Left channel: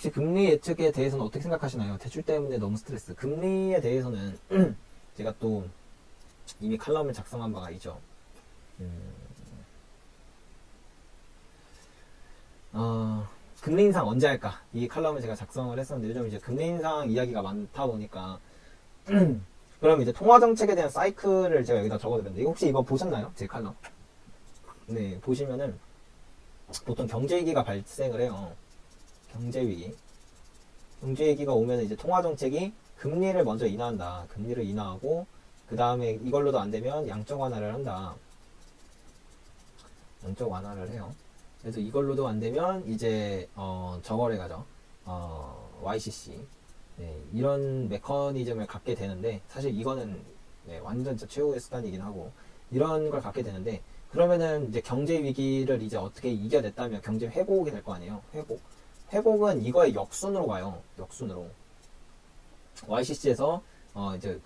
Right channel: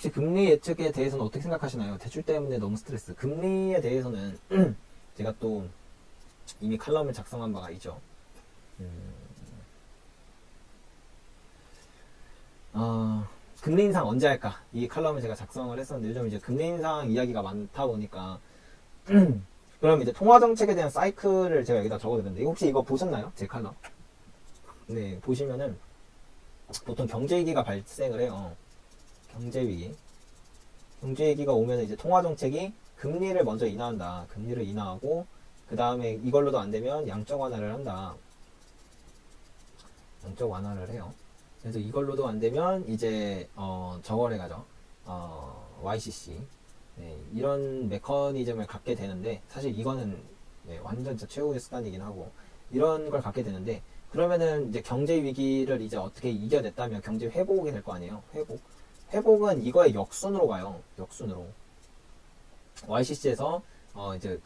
혹시 금리 예측에 대해서는 어떻게 생각하시나요? 대출 때문에 너무 스트레스. 금리에 대해서는 제가 또 이미 칼럼을 작성한 바가 있죠. 금리 인상 언제 할까? 이 칼럼을 제가 작성을 했었는데 요즘 이제 금리 인상 이야기가 많다 보니까 그럼 이제 통화 정책에 대한 사이클을 제가 여기다 적어드렸는데 혹시 이거 보셨나요? 제 칼럼? 네, 보시면은 보통 경제 위기가 발생을 해요. 경제 위기. 경제 위기가 오면 이제 통화 정책이 금리를 먼저 인하한다. 금리를 인하하고 그 다음에 이걸로도 안 되면 양적 완화를 한다. 양적 완화를 해요. 그래서 이걸로도 안 되면 이제 저거래 가죠. YCC. 네, 이런 메커니즘을 갖게 되는데 사실 이거는 네, 완전 진짜 최후의 수단이긴 하고 이런 걸 갖게 되는데 그러면은 이제 경제 위기를 이제 어떻게 이겨냈다면 경제 회복이 될 거 아니에요. 회복은 이거의 역순으로 가요. 역순으로. YCC에서 이제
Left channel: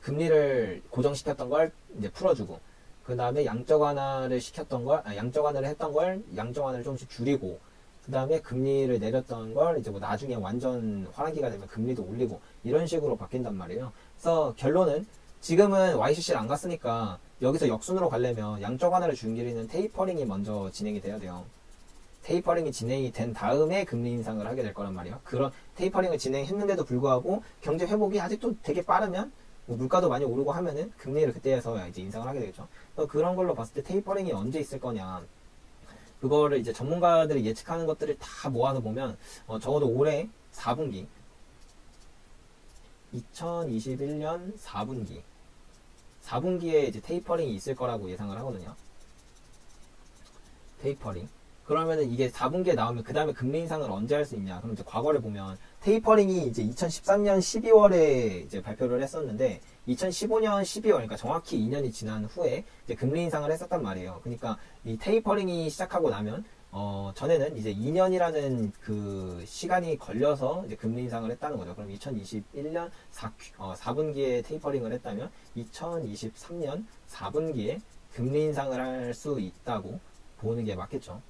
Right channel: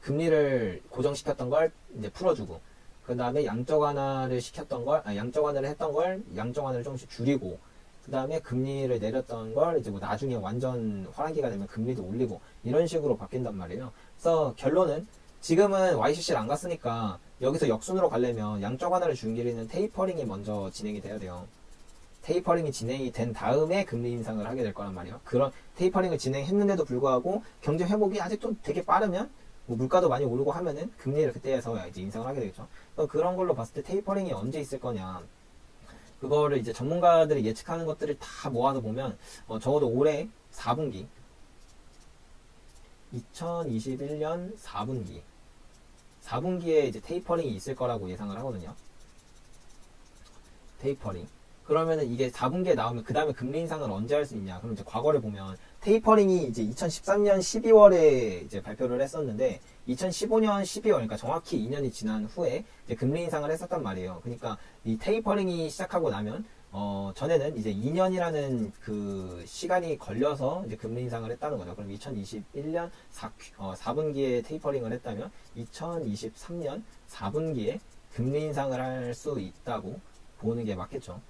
금리를 고정시켰던 걸 이제 풀어주고 그 다음에 양적 완화를 양적 완화를 했던 걸 양적 완화를 조금씩 줄이고 그 다음에 금리를 내렸던 걸 이제 뭐 나중에 완전 화랑기가 되면 금리도 올리고 이런 식으로 바뀐단 말이에요. 그래서 결론은 지금은 YCC를 안 갔으니까 여기서 역순으로 가려면 양적 완화를 줄이는 테이퍼링이 먼저 진행이 돼야 돼요. 테이퍼링이 진행이 된 다음에 금리 인상을 하게 될 거란 말이에요. 그런 테이퍼링을 진행했는데도 불구하고 경제 회복이 아직도 되게 빠르면 뭐 물가도 많이 오르고 하면은 금리를 그때에서 이제 인상을 하게 되겠죠. 그런 걸로 봤을 때 테이퍼링이 언제 있을 거냐. 그거를 이제 전문가들이 예측하는 것들을 다 모아서 보면 적어도 올해 4분기 2021년 4분기에 이제 테이퍼링이 있을 거라고 예상을 하거든요. 테이퍼링. 그러면은 이게 4분기에 나오면 그 다음에 금리 인상을 언제 할 수 있냐? 그럼 이제 과거를 보면 테이퍼링이 이제 2013년 12월에 이제 발표를 했었는데 2015년 12월, 그러니까 정확히 2년이 지난 후에 이제 금리 인상을 했었단 말이에요. 그러니까 이 테이퍼링이 시작하고 나면 전에는 이제 2년이라는 그 시간이 걸려서 이제 금리 인상을 했다는 거죠. 그럼 2021년 4분기에 테이퍼링을 했다면 2023년 4분기에 금리 인상을 할 수 있다고 보는 게 맞겠죠.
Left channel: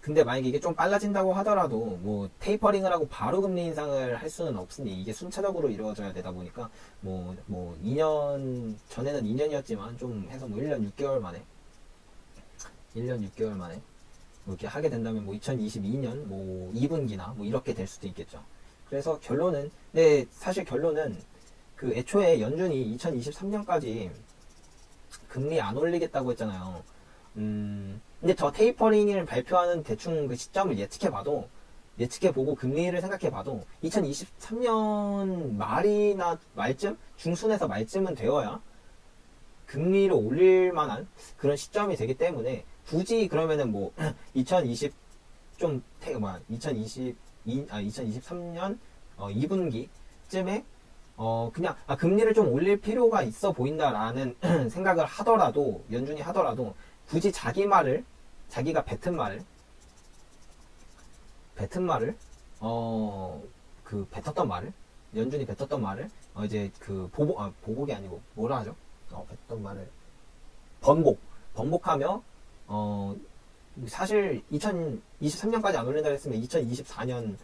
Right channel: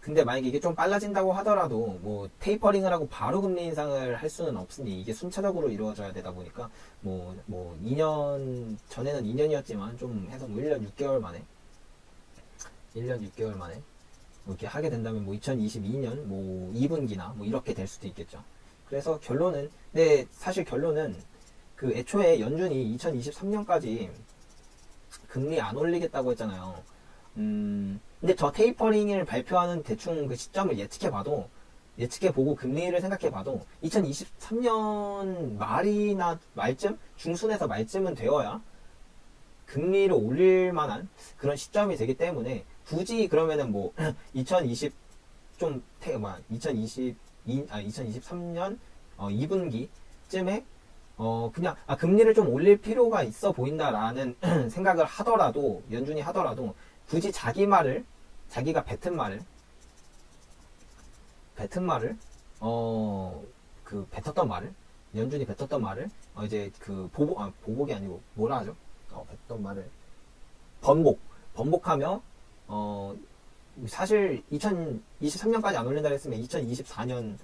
근데 만약에 이게 좀 빨라진다고 하더라도 뭐 테이퍼링을 하고 바로 금리 인상을 할 수는 없으니 이게 순차적으로 이루어져야 되다 보니까 뭐 2년 전에는 2년이었지만 좀 해서 뭐 1년 6개월 만에 이렇게 하게 된다면 뭐 2022년 뭐 2분기나 뭐 이렇게 될 수도 있겠죠. 그래서 결론은 사실 결론은 그 애초에 연준이 2023년까지 금리 안 올리겠다고 했잖아요. 근데 저 테이퍼링을 발표하는 대충 그 시점을 예측해보고 금리를 생각해봐도 2023년 말이나 말쯤? 중순에서 말쯤은 되어야 금리를 올릴 만한 그런 시점이 되기 때문에 굳이 그러면은 뭐 2023년 2분기쯤에 그냥 금리를 좀 올릴 필요가 있어 보인다라는 생각을 하더라도 연준이 하더라도 굳이 자기가 뱉은 말을 연준이 뱉었던 말을 이제 그 보복이 아니고 뭐라 하죠? 뱉었던 말을 번복하며 사실 2023년까지 안 올린다 했으면 2024년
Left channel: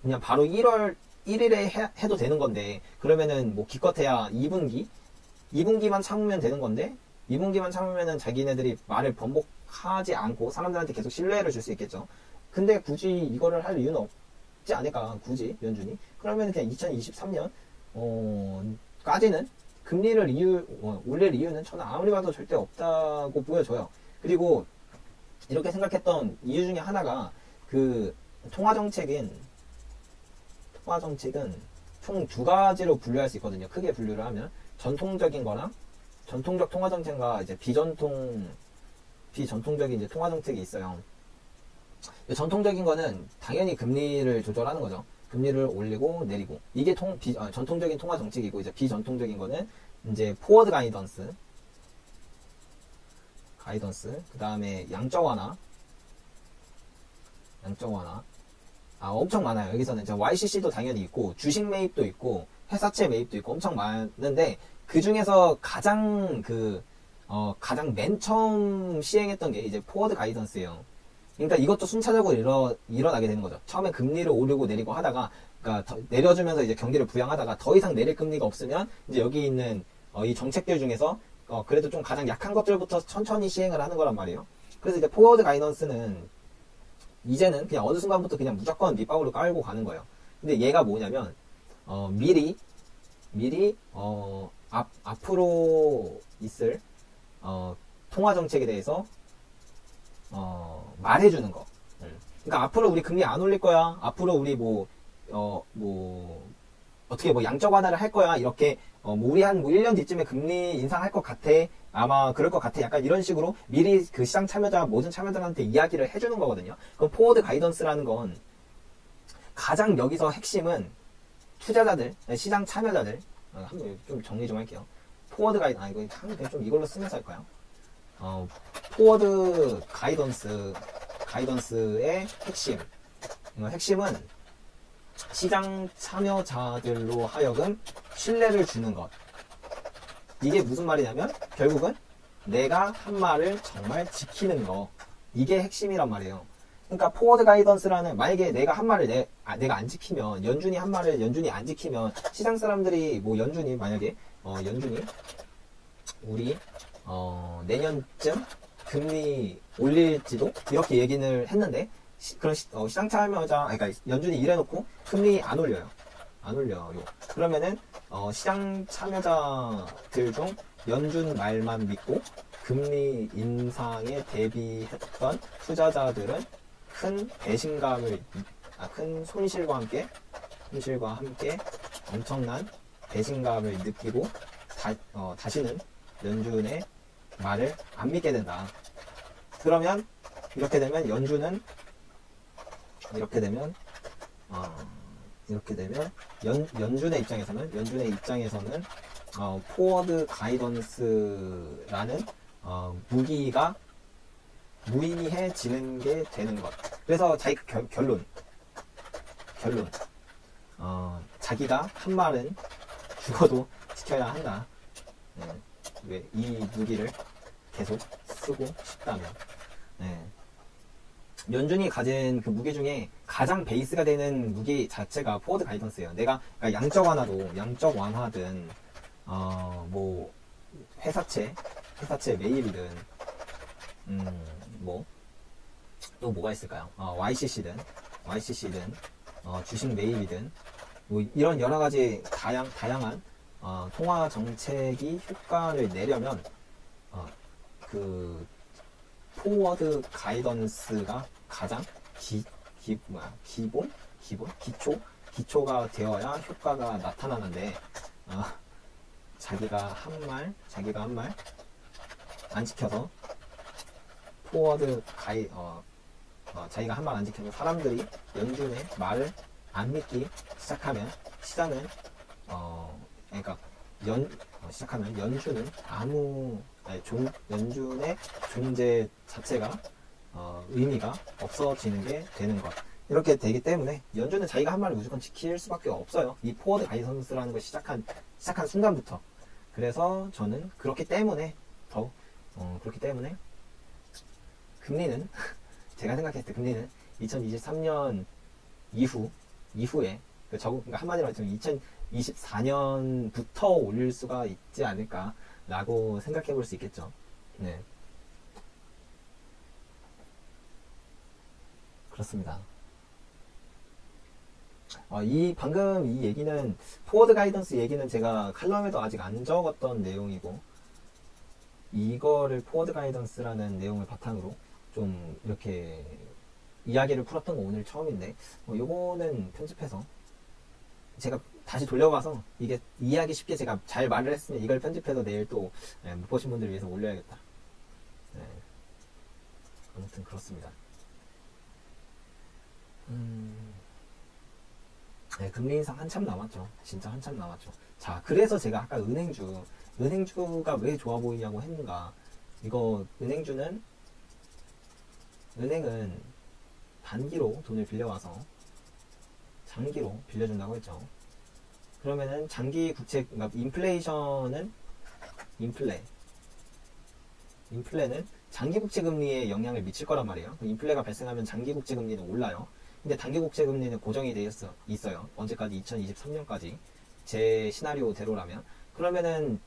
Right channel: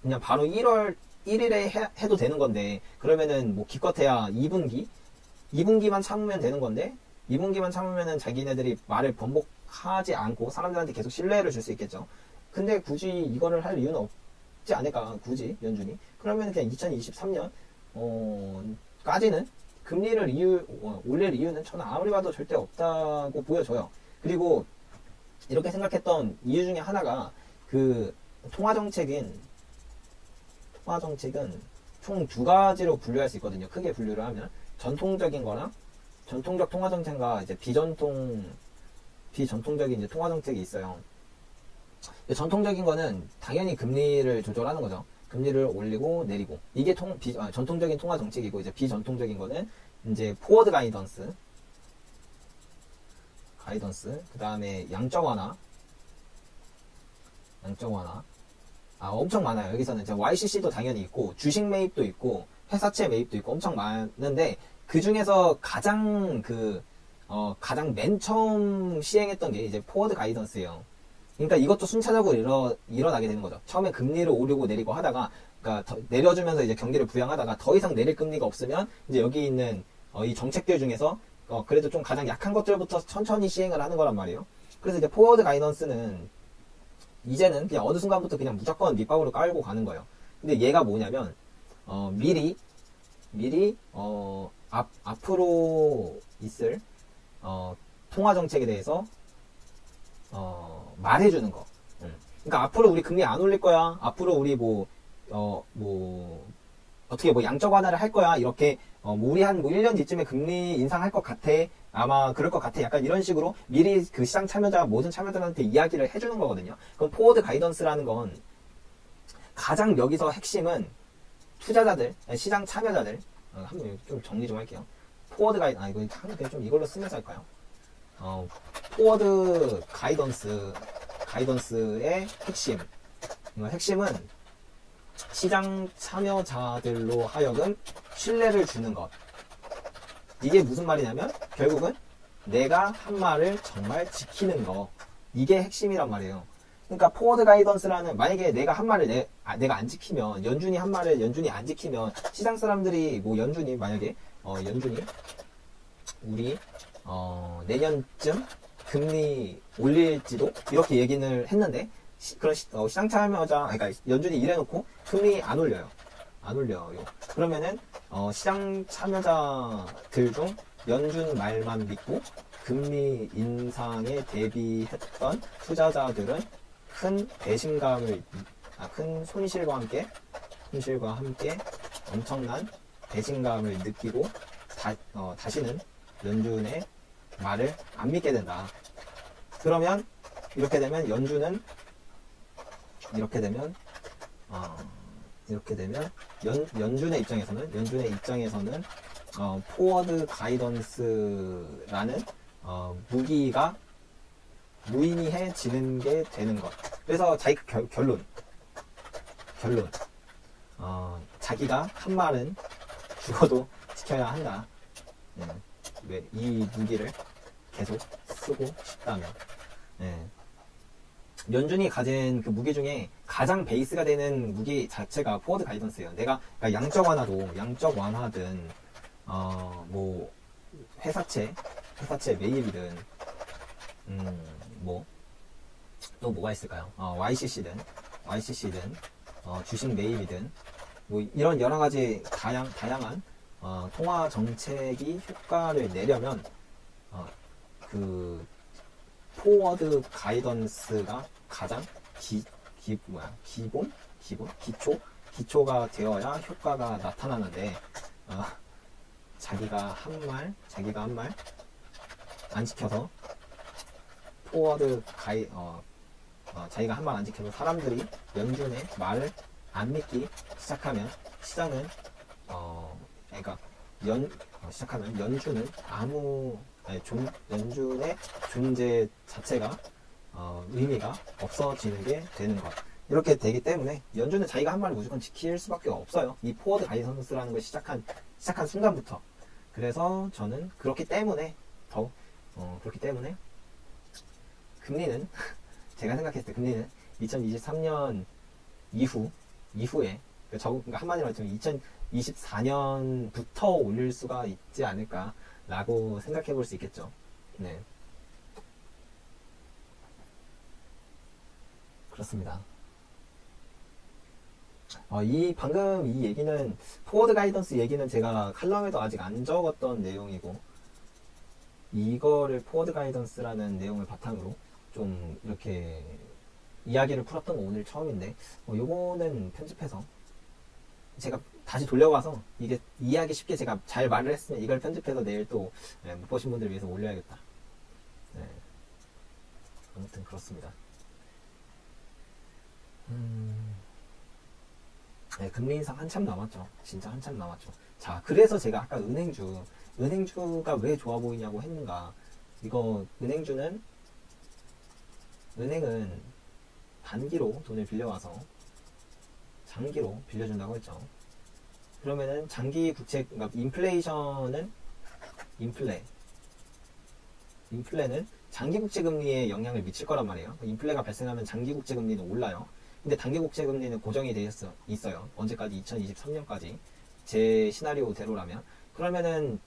그냥 바로 1월 1일에 해도 되는 건데 그러면은 뭐 기껏해야 2분기만 참으면 되는 건데 2분기만 참으면은 자기네들이 말을 번복하지 않고 사람들한테 계속 신뢰를 줄 수 있겠죠. 근데 굳이 이거를 할 이유는 없지 않을까, 굳이 연준이. 그러면 그냥 2023년 까지는 금리를 올릴 이유는 저는 아무리 봐도 절대 없다고 보여져요. 그리고 이렇게 생각했던 이유 중에 하나가 그 통화정책은 총 두 가지로 분류할 수 있거든요. 크게 분류를 하면 전통적인 거랑 전통적 통화정책과 이제 비전통적인 이제 통화정책이 있어요. 전통적인 거는 당연히 금리를 조절하는 거죠. 금리를 올리고 내리고 이게 전통적인 통화정책이고 이제 비전통적인 거는 이제 포워드 가이던스 그 다음에 양적 완화 엄청 많아요. 여기서는 YCC도 당연히 있고 주식 매입도 있고 회사채 매입도 있고 엄청 많은데 그 중에서 가장 맨 처음 시행했던 게 이제 포워드 가이던스예요. 그러니까 이것도 순차적으로 일어나게 되는 거죠. 처음에 금리를 오르고 내리고 하다가, 그러니까 내려주면서 이제 경기를 부양하다가 더 이상 내릴 금리가 없으면 이제 여기 있는 이 정책들 중에서 그래도 좀 가장 약한 것들부터 천천히 시행을 하는 거란 말이에요. 그래서 이제 포워드 가이던스는 이제는 그냥 어느 순간부터 그냥 무조건 밑밥으로 깔고 가는 거예요. 근데 얘가 뭐냐면 미리 앞으로 있을 통화 정책에 대해서 말해주는 거. 그러니까 앞으로 우리 금리 안 올릴 거야. 앞으로 우리 어떻게 양적 완화를 할 거야. 이렇게 우리 한 1년 뒤쯤에 금리 인상할 것 같아. 아마 그럴 것 같아. 약간 이런 식으로 미리 그 시장 참여자 모든 참여자한테 이야기를 해주는 거거든요. 그럼 포워드 가이던스라는 건 가장 여기서 핵심은 투자자들, 시장 참여자들, 한번 좀 정리 좀 할게요. 포워드 이거 좀 이걸로 쓰면서 할까요? 포워드 가이던스의 핵심은 시장 참여자들로 하여금 신뢰를 주는 것. 이게 무슨 말이냐면 결국은 내가 한 말을 정말 지키는 거. 이게 핵심이란 말이에요. 그러니까 포워드 가이던스라는, 만약에 내가 한 말을 내가 안 지키면, 연준이 한 말을 연준이 안 지키면 시장 사람들이 연준이 만약에 연준이 우리 내년쯤 금리 올릴지도 이렇게 얘기를 했는데 그런 시장 참여자, 그러니까 연준이 이래놓고 금리 안 올려요. 그러면은 시장 참여자들 중 연준 말만 믿고 금리 인상에 대비했던 투자자들은 큰 손실과 함께 엄청난 배신감을 느끼고 다시는 연준의 말을 안 믿게 된다. 그러면 이렇게 되면 연준의 입장에서는 포워드 가이던스라는 무기가 무의미해지는 게 되는 것. 그래서 자기 결론 자기가 한 말은 죽어도 지켜야 한다. 왜 이 무기를 계속 쓰고 싶다면. 연준이 가진 그 무기 중에 가장 베이스가 되는 무기 자체가 포워드 가이던스예요. 그러니까 양적 완화든 회사채 매입이든 또 뭐가 있을까요? YCC든 주식 매입이든 이런 여러 가지 다양한 통화 정책이 효과를 내려면 그 포워드 가이던스가 가장 기초가 되어야 효과가 나타나는데 자기가 한 말 안 지켜서 자기가 한 말 안 지켜서 사람들이 연준의 말을 안 믿기 시작하면 시장은 연준은 연준의 존재 자체가 의미가 없어지는 게 되는 것. 이렇게 되기 때문에 연준은 자기가 한 말을 무조건 지킬 수밖에 없어요. 이 포워드 가이던스라는 걸 시작한 순간부터. 그래서 저는 그렇기 때문에 금리는 제가 생각했을 때 금리는 2023년 이후에 그러니까 한마디로 말하면 2024년부터 올릴 수가 있지 않을까라고 생각해 볼 수 있겠죠. 네. 그렇습니다. 방금 이 얘기는, 포워드 가이던스 얘기는 제가 칼럼에도 아직 안 적었던 내용이고, 이거를 포워드 가이던스라는 내용을 바탕으로 좀 이렇게 이야기를 풀었던 거 오늘 처음인데, 요거는 편집해서 제가 다시 돌려봐서 이게 이해하기 쉽게 제가 잘 말을 했으면 이걸 편집해서 내일 또 못 보신 분들을 위해서 올려야겠다. 네. 아무튼 그렇습니다. 네, 금리 인상 한참 남았죠. 진짜 한참 남았죠. 자, 그래서 제가 아까 은행주가 왜 좋아 보이냐고 했는가. 이거 은행은 단기로 돈을 빌려와서 장기로 빌려준다고 했죠. 그러면은 장기 국채, 그러니까 인플레는 장기 국채 금리에 영향을 미칠 거란 말이에요. 인플레가 발생하면 장기 국채 금리는 올라요. 근데 단기 국채 금리는 고정이 돼 있어요. 언제까지? 2023년까지. 제 시나리오대로라면. 그러면은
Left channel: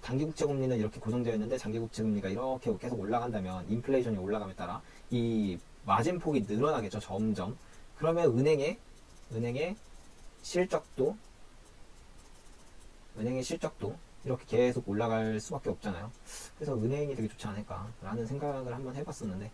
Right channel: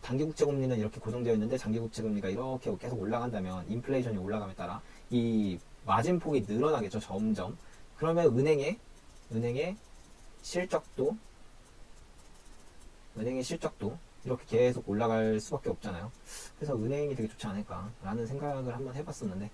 단기 국채 금리는 이렇게 고정되어 있는데 장기 국채 금리가 이렇게 계속 올라간다면 인플레이션이 올라감에 따라 이 마진폭이 늘어나겠죠. 점점. 그러면 은행의 실적도 이렇게 계속 올라갈 수밖에 없잖아요. 그래서 은행이 되게 좋지 않을까라는 생각을 한번 해봤었는데,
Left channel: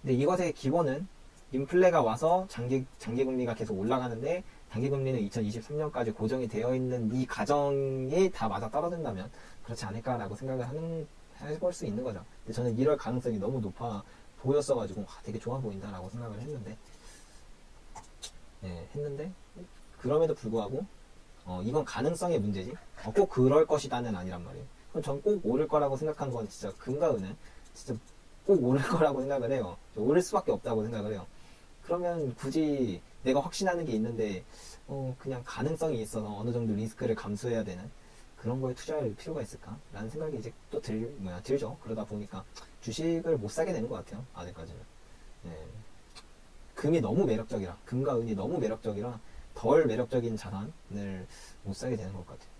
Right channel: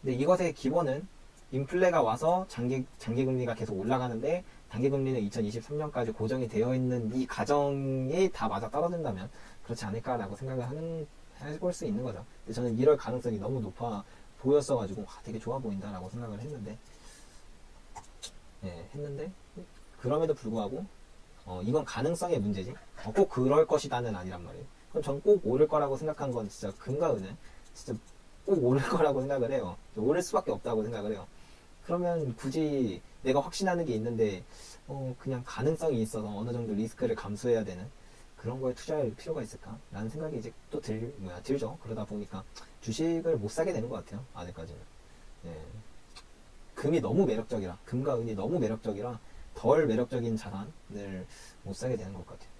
근데 이것의 기본은 인플레가 와서 장기 금리가 계속 올라가는데 단기 금리는 2023년까지 고정이 되어 있는 이 가정이 다 맞아 떨어진다면 그렇지 않을까라고 생각을 해볼 수 있는 거죠. 근데 저는 이럴 가능성이 너무 높아 보였어가지고 되게 좋아 보인다라고 생각을 했는데, 그럼에도 불구하고 이건 가능성의 문제지 꼭 그럴 것이다는 아니란 말이에요. 그럼 전 꼭 오를 거라고 생각한 건 진짜 금과 은은 진짜 꼭 오를 거라고 생각을 해요. 오를 수밖에 없다고 생각을 해요. 그러면 굳이 내가 확신하는 게 있는데 그냥 가능성이 있어서 어느 정도 리스크를 감수해야 되는 그런 거에 투자할 필요가 있을까? 라는 생각이 이제 또 들죠. 그러다 보니까 주식을 못 사게 되는 것 같아요. 아직까지는. 금이 너무 매력적이라, 금과 은이 너무 매력적이라 덜 매력적인 자산을 못 사게 되는 것 같아요.